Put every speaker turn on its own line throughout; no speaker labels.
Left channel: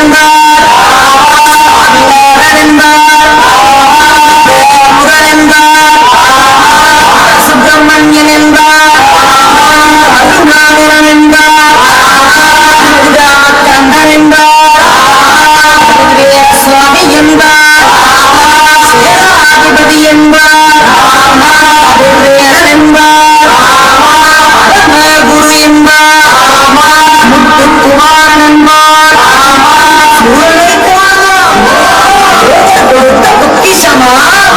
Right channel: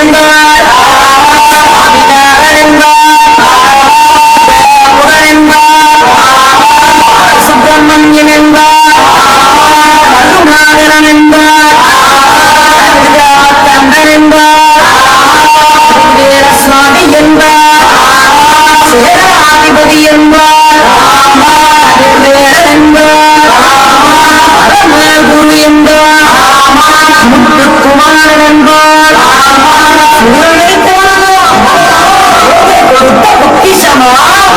and Come on!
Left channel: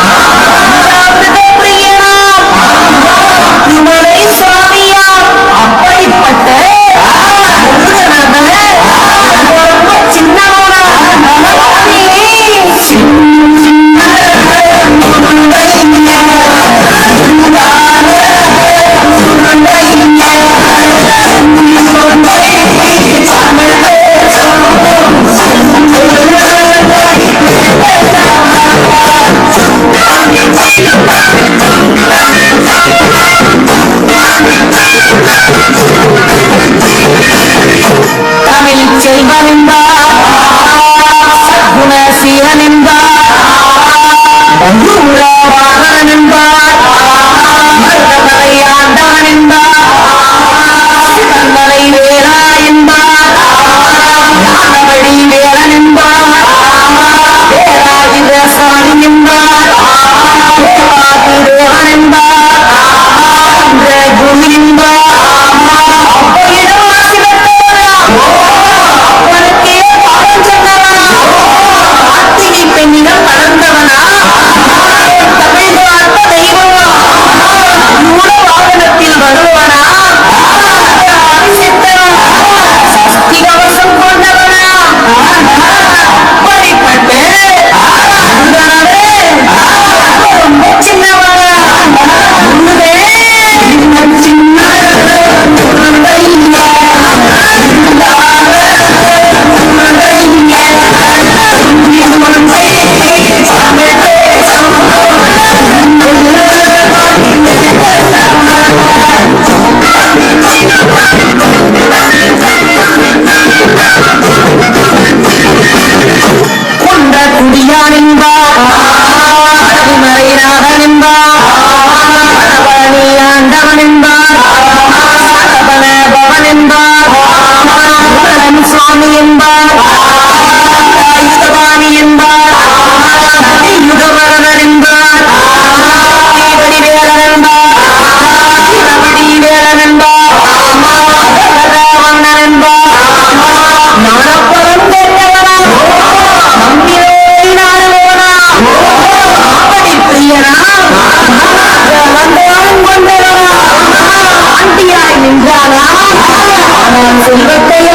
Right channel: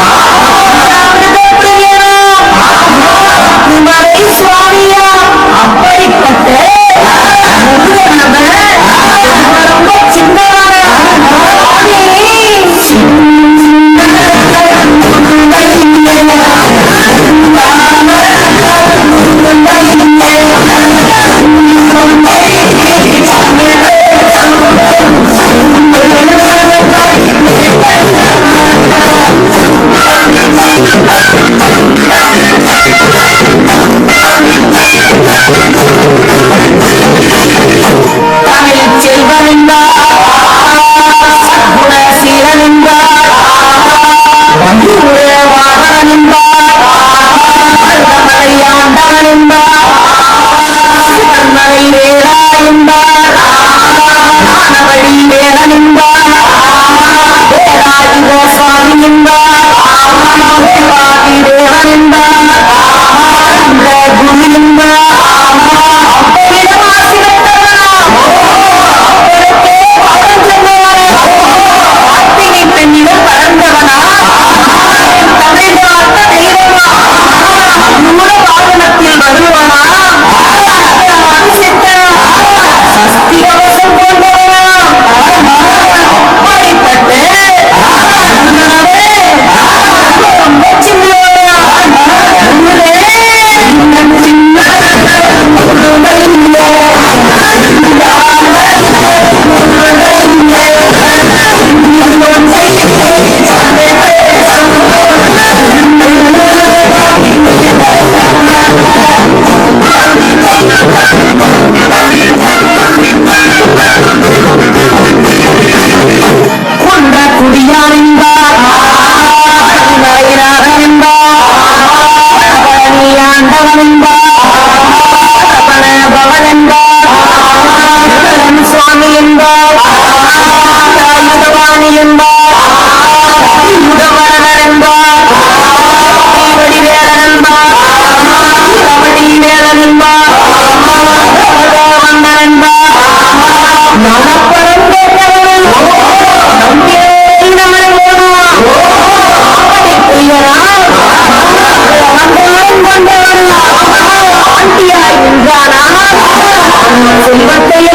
Anak-anak.